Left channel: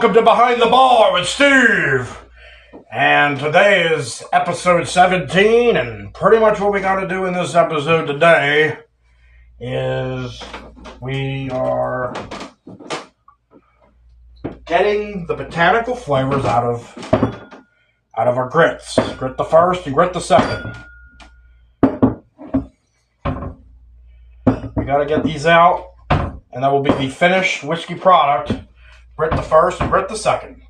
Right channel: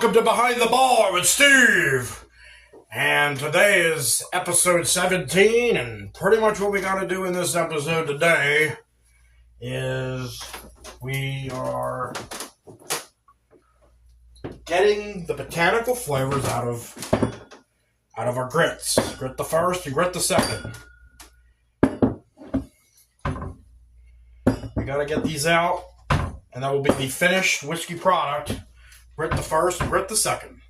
welcome to Behind the Bar with Steve. And today is episode 17, and pretty much what we got to do in this episode today is we are getting the botanical flavors out of our grits. Grit the first and grit the second. We got to get these out, and that will be the finished whiskey product. Grit the first and grit the second.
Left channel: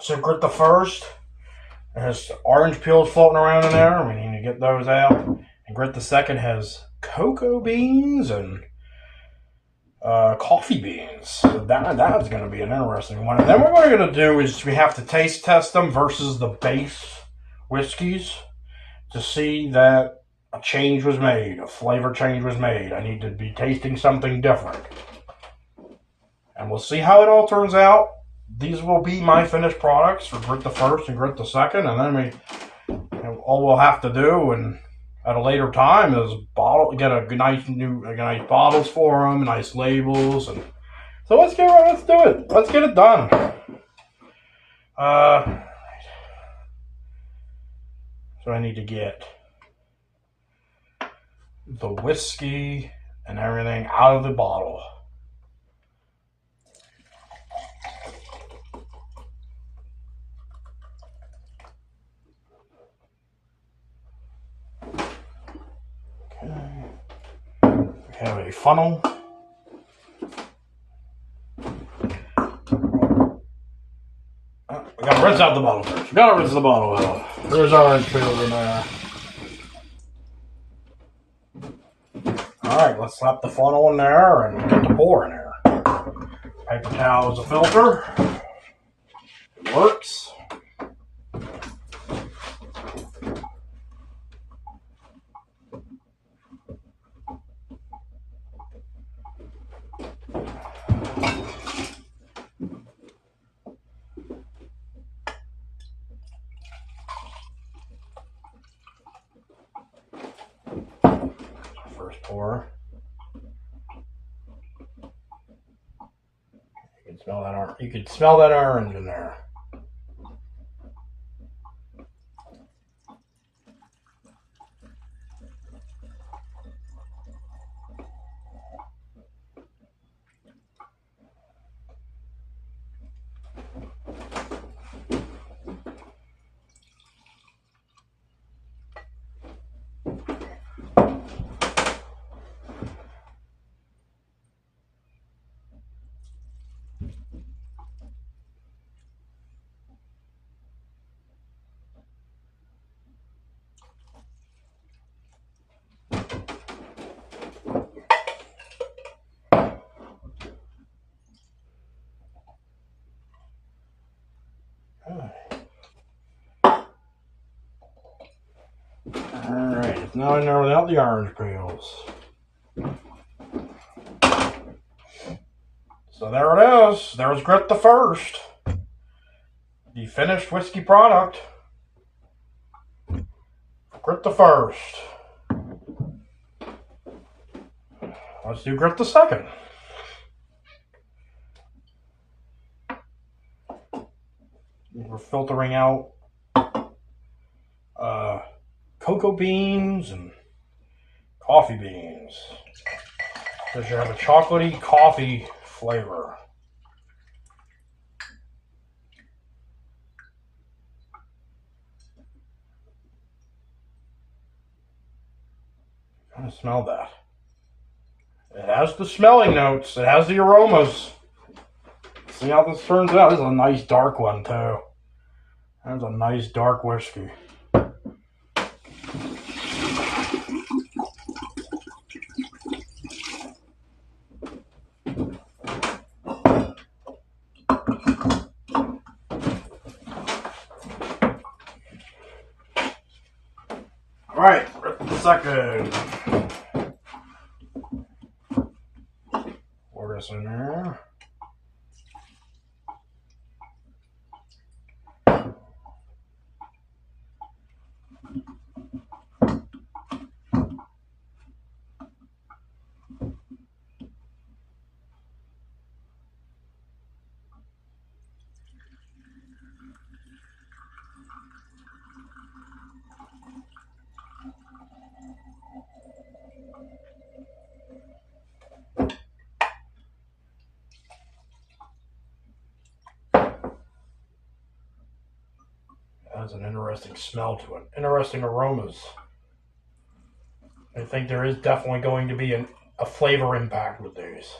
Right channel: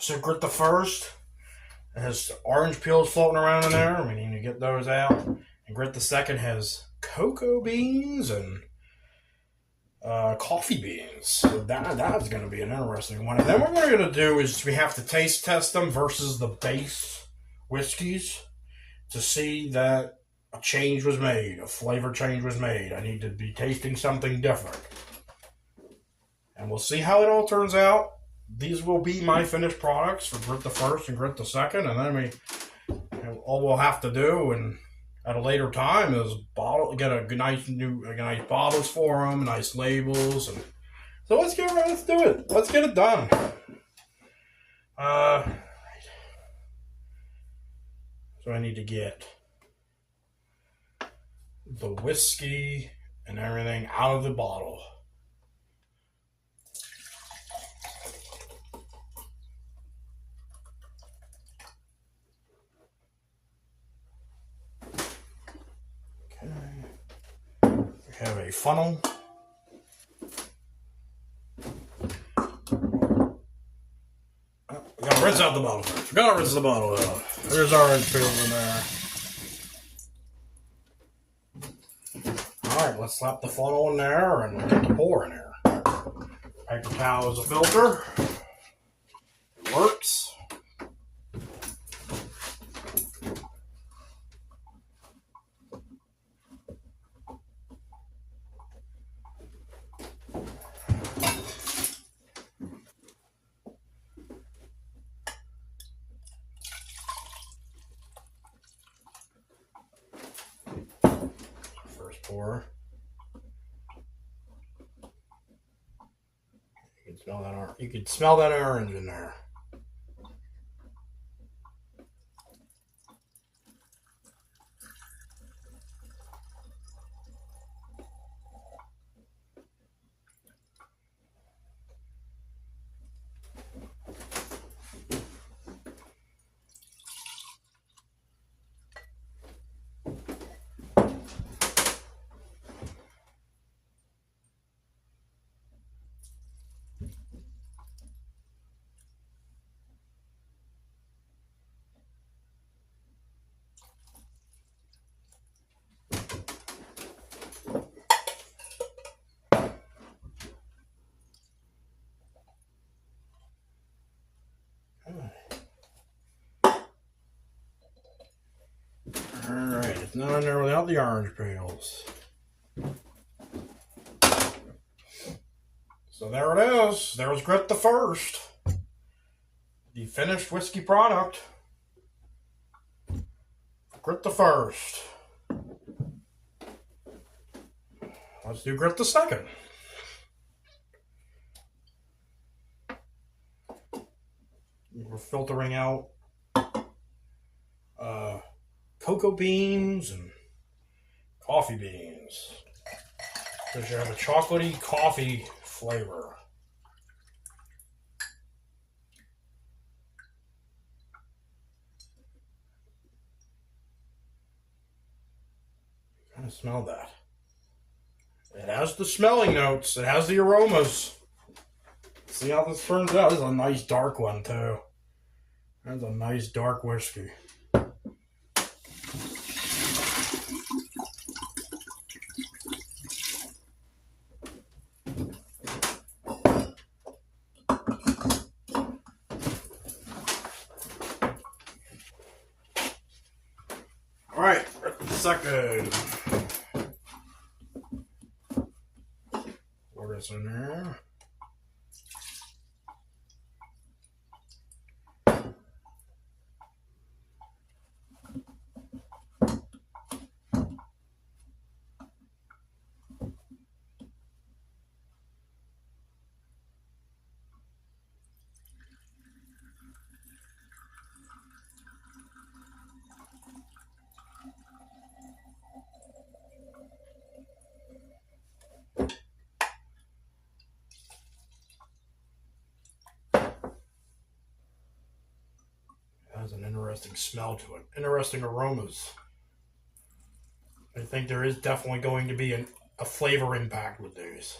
So grit the first. It has orange peels floating around in there. We need to get those out. And grit the second has cocoa beans and coffee beans. So that's going to be an interesting one. And then what we're going to do is we have to taste test them versus the base whiskeys to see that a change was made, a flavor change was made. I need to be tasting something different. And we'll see how it all turns out. These will be my finished products for grit the first and grit the second. And then all we'll have to do and at a later time is get a nice bottles for them, nice labels. And so let's do it. Let's get it done. So I need to get the whiskey and everything out of the bottle. Okay. We have a funnel. We gotta rinse out the bottle first. We gotta rinse the bottle out. There's orange peels in there. Alright, let's slap the funnel in there and get the pour in there. Paper towel is a filter. It works. First pour. You can smell that orange in there. Alright, it's not in there without the orange peels. So there it is. There's grit the first. The finished whiskey product. Grit the first. Let's do grit the second. We're filtering out cocoa beans and coffee beans. Because you have a chocolatey coffee flavor. Kind of smell that. It has the smelling notes. It has the aromas. See how this turns out? This is a nice dark one too. That's a nice dark whiskey. Alright, grit the second. Pour this in there. Has an interesting smell to it. Interesting aromas. I think there is definitely going to be a flavor impact with these.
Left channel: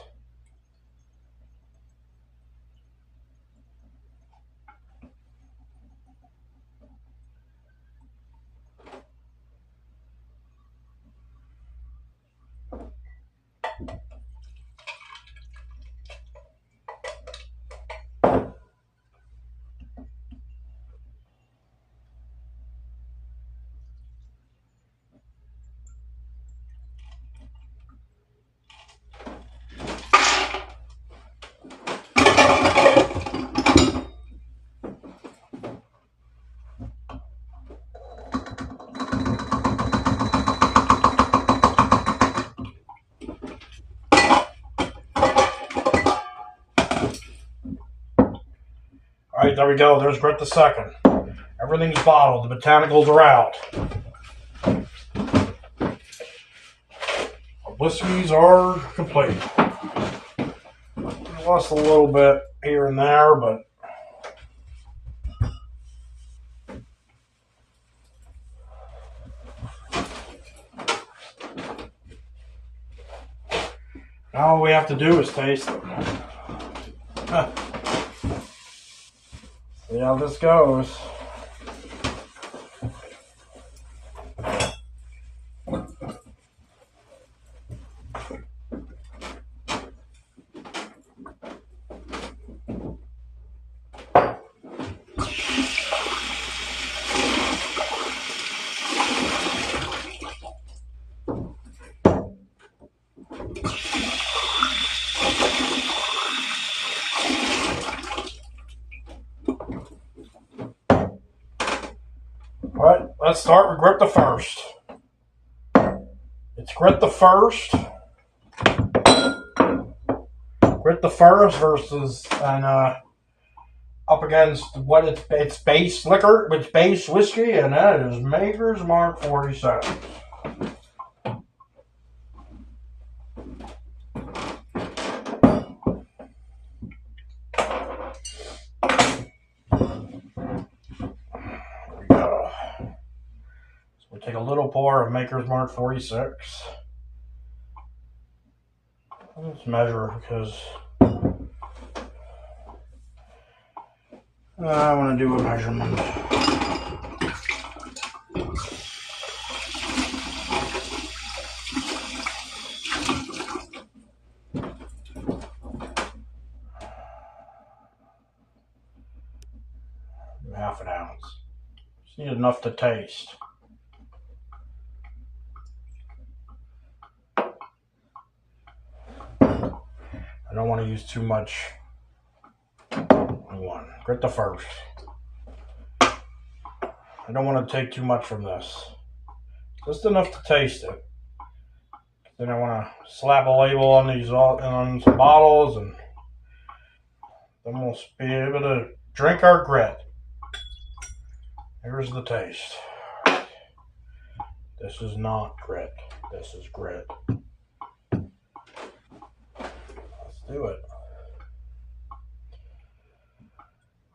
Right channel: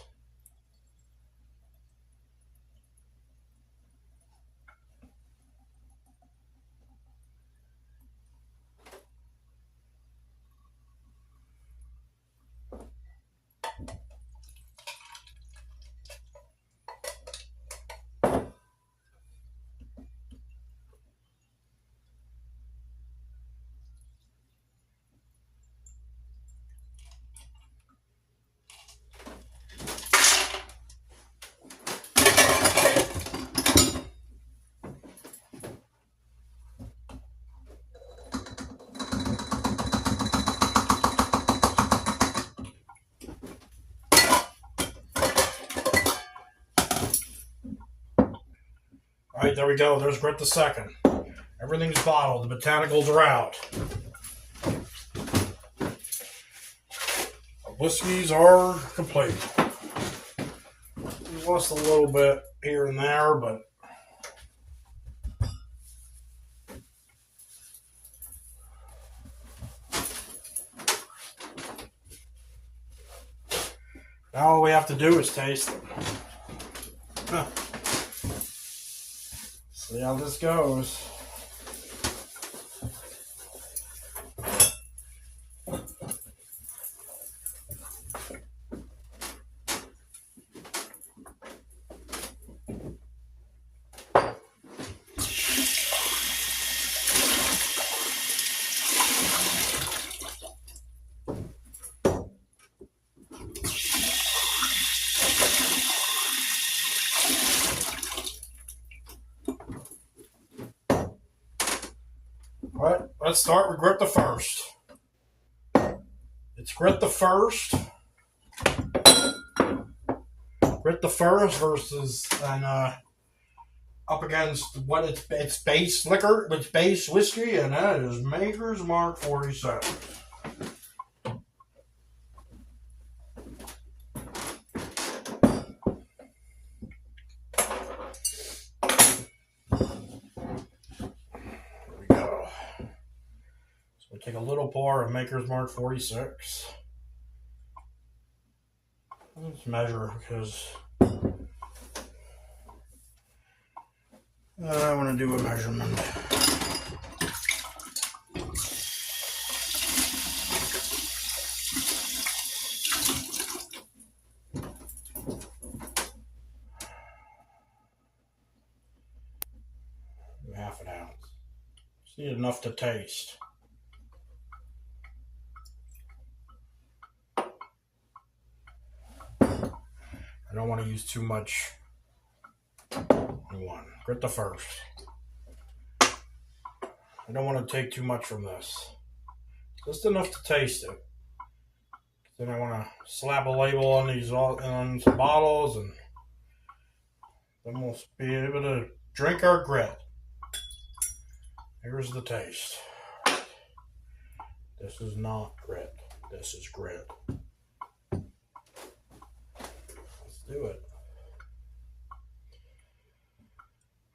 Alright, there we go. There's Grit the Second. Everything's bottled. The botanicals are out. The whiskeys are complete. We lost a little bit here and there, but now all we have to do is taste them. See how this goes. Alright, let's start with Grit the First. It's Grit the First. Grit the First versus up against what its base liquor, its base whiskey, and that is Maker's Mark 47. Take a little pour of Maker's Mark 46. Let's measure because I want to do a measurement. Half an ounce. Just need enough to taste. I don't want to use too much. One. Grit the First. I don't want to take too much from this. Just enough to taste it. Then I want to slap a label on these on some bottles, and then we'll be able to drink our grit. Here's the taste. This is not grit. This is grit. Do it.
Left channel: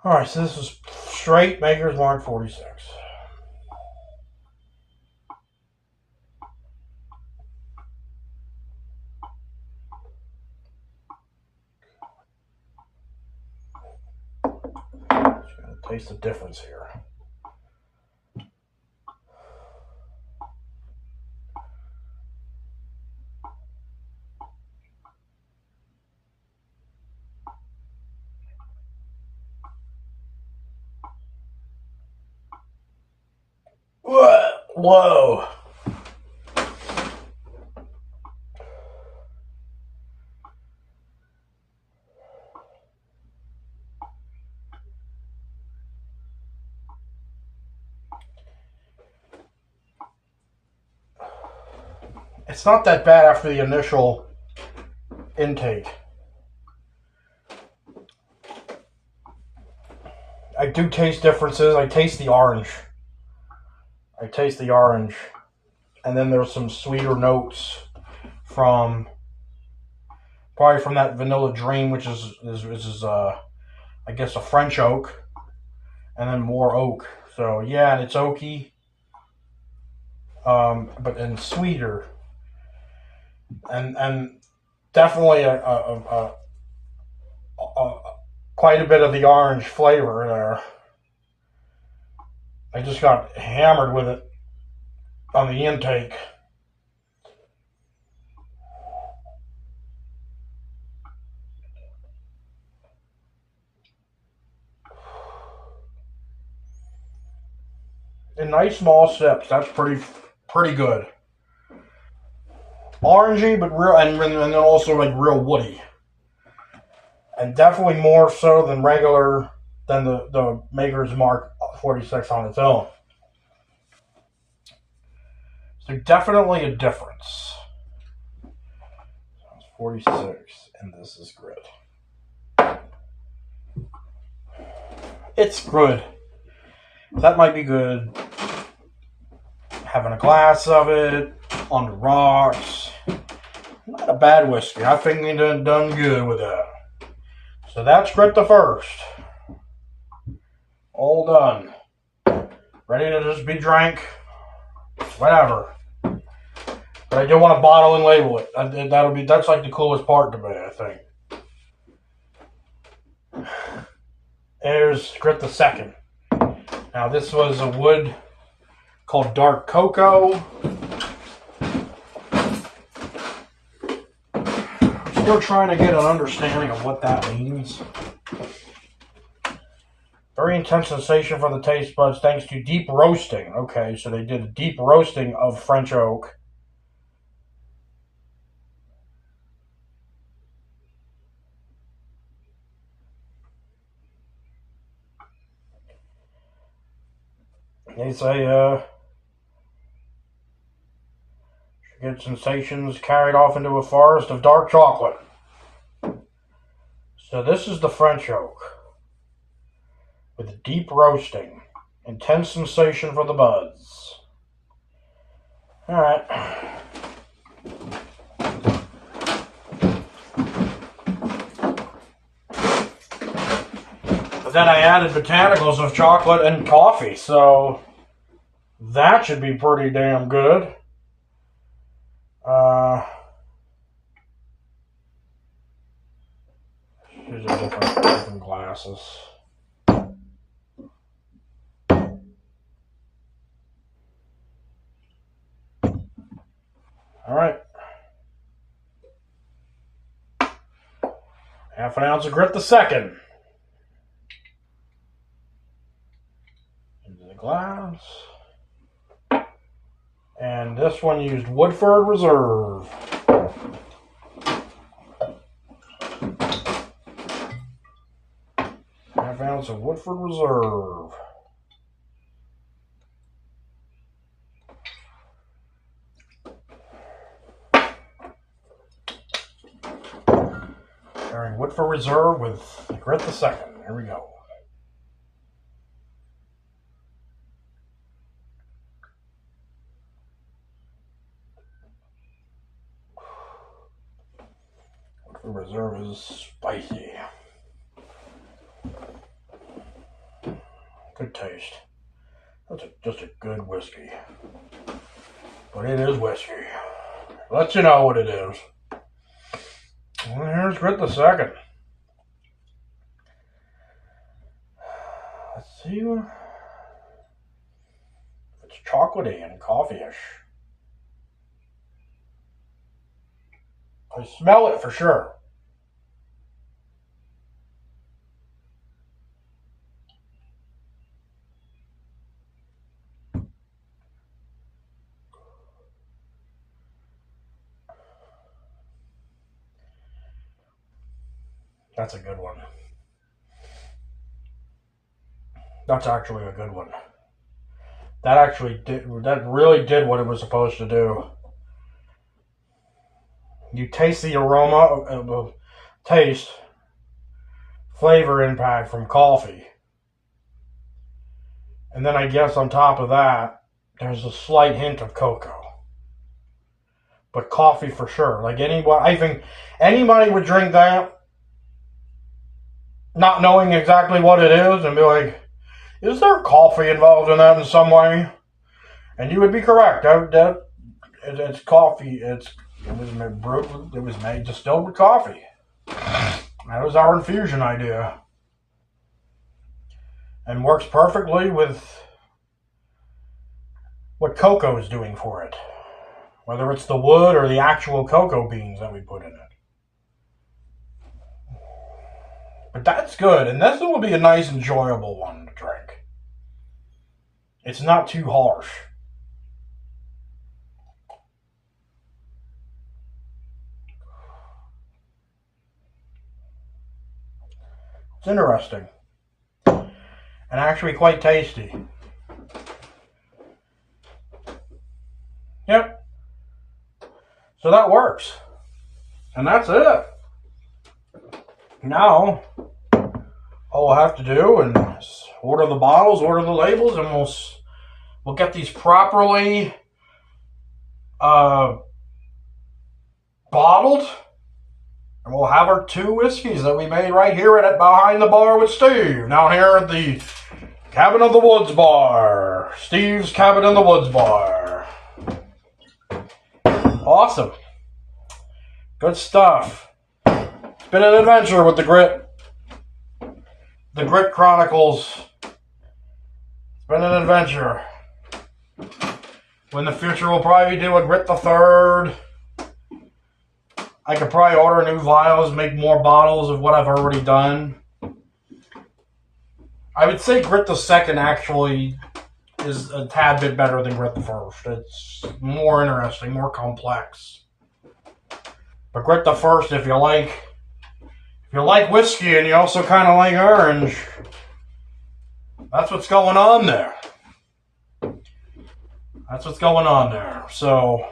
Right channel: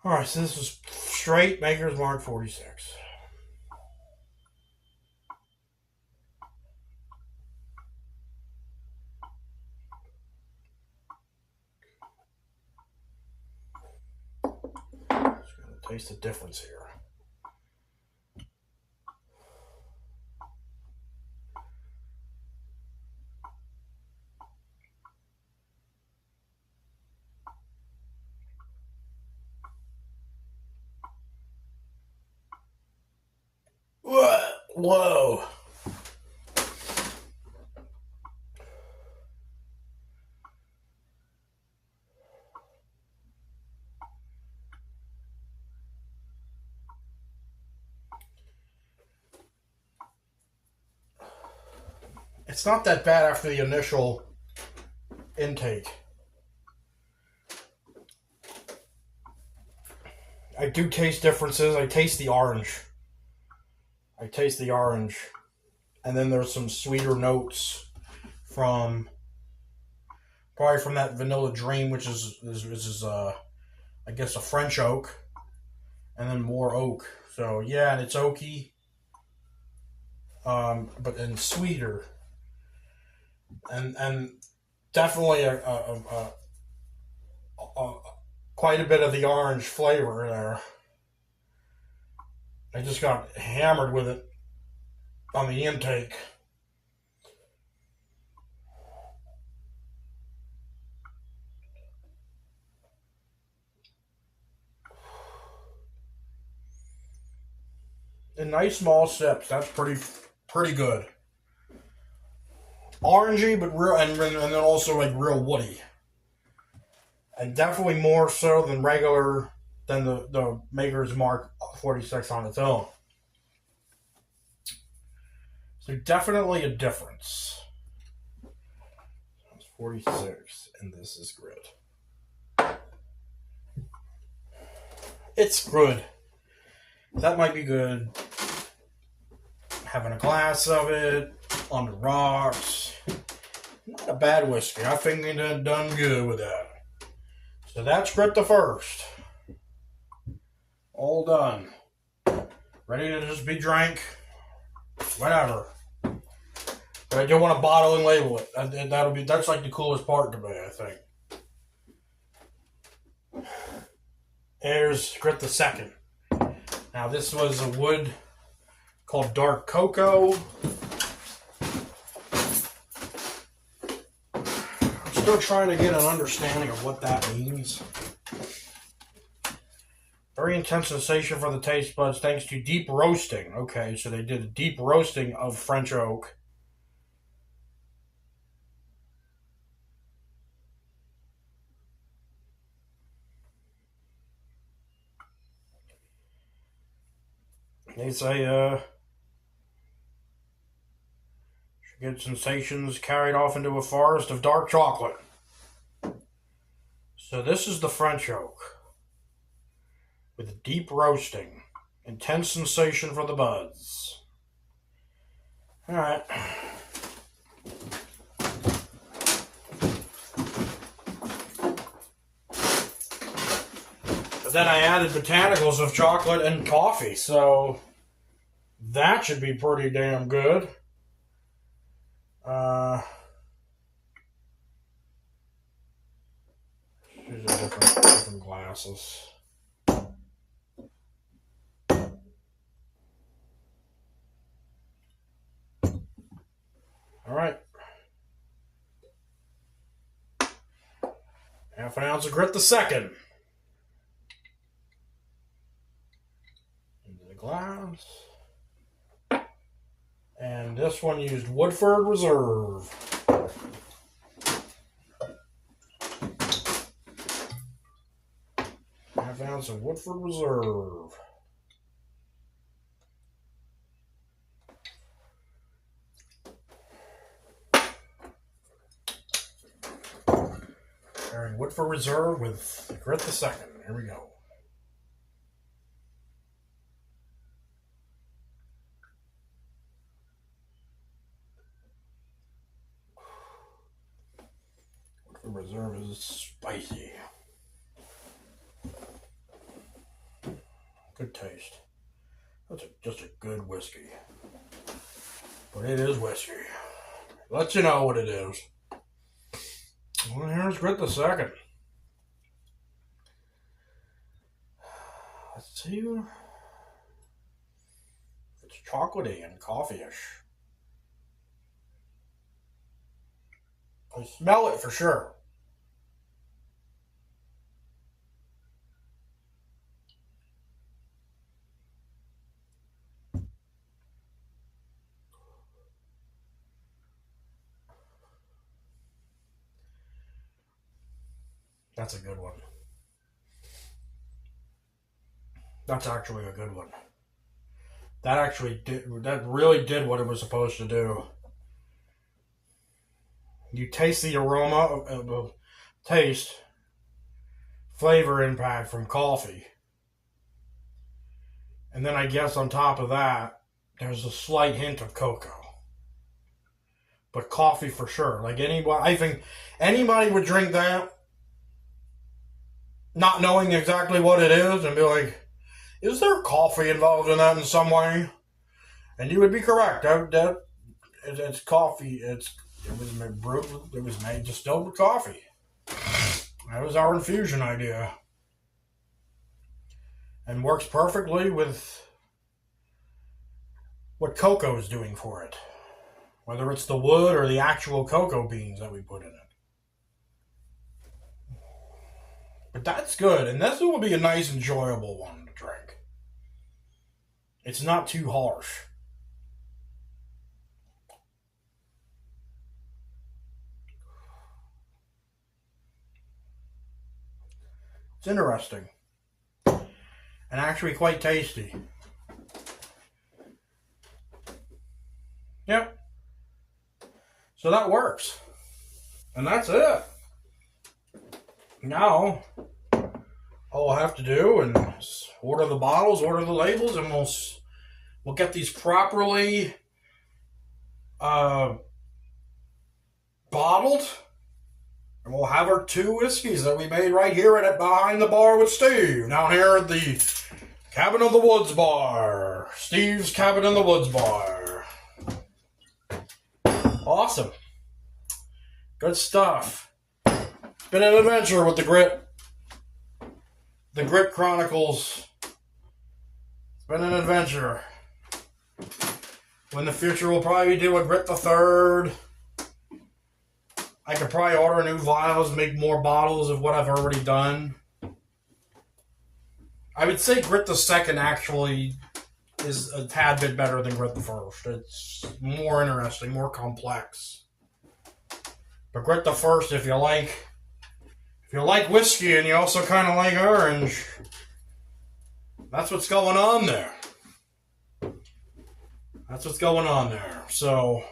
Alright, so this is straight Maker's Mark 46. Just gotta taste the difference here. Whoa. It's not that bad after the initial intake. I do taste differences. I taste the orange. And then there's some sweeter notes from probably from that Vanilla Dream, which is I guess a French oak, and then more oak. So yeah, and it's oaky, and sweeter, and definitely a quite a bit of the orange flavor in there. I just got hammered with it on the intake. In nice small sips, that's pretty good. Orangey, but real, and then also like real woody, and definitely more so than the Maker's Mark 46 on its own. So definitely a difference. 46, and this is grit. It's good. That might be good. Having a glass of it on the rocks. Not a bad whiskey. I think they done good with that. So that's Grit the First. All done. Ready to just be drank. Whatever. But I do want to bottle and label it. That's like the coolest part to me, I think. There's Grit the Second. Now this was a wood called Dark Cocoa. I'm still trying to get an understanding of what that means. Very intense sensation for the taste buds thanks to deep roasting. Okay, so they did a deep roasting of French oak. They say, get sensations carried off into a forest of dark chocolate. So this is the French oak. With a deep roasting. Intense sensation for the buds. Alright. But then I added botanicals of chocolate and coffee, so that should be pretty damn good. These are different glasses. All right. Half an ounce of Grit the Second. Into the glass. And this one used Woodford Reserve. Half ounce of Woodford Reserve. Sharing Woodford Reserve with Grit the Second. Here we go. Woodford Reserve is spicy. Good taste. That's just a good whiskey. But it is whiskey. Let you know what it is. Well, here's Grit the Second. Let's see if it's chocolatey and coffee-ish. I smell it for sure. That's a good one. That's actually a good one. That really did what it was supposed to do. You taste the aroma of taste, flavor impact from coffee. And then I guess on top of that, there's a slight hint of cocoa. But coffee for sure. Like I think anybody would drink that not knowing exactly what it is and be like, Is there coffee involved in that in some way? And you would be correct. It's coffee. It was brewed. It was made distilled with coffee. That was our infusion idea, and works perfectly with what cocoa is doing for it. Whether it's the wood or the actual cocoa beans that we put in it. But that's good, and this will be a nice, enjoyable one to drink. It's not too harsh. It's interesting. And actually quite tasty. Yep. So that works. And that's it. Now, all we'll have to do is order the bottles, order the labels, and we'll get these properly bottled. And we'll have our 2 whiskeys that we made right here at Behind the Bar with Steve, down here at the Cabin of the Woods Bar. Steve's Cabin in the Woods Bar. Awesome. Good stuff. It's been an adventure with the Grit Chronicles. It's been an adventure. In the future, we'll probably do a Grit the Third. I could probably order new vials, make more bottles of what I've already done. I would say Grit the Second actually is a tad bit better than Grit the First. It's more interesting, more complex. But Grit the First, if you like whiskey and you also kind of like orange, that's what's going on there. That's what's going on there. So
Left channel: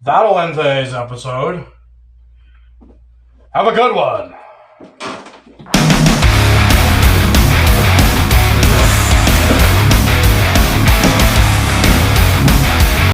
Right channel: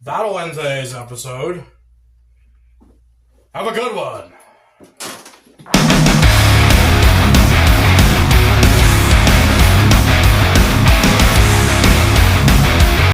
that'll end today's episode. Have a good one.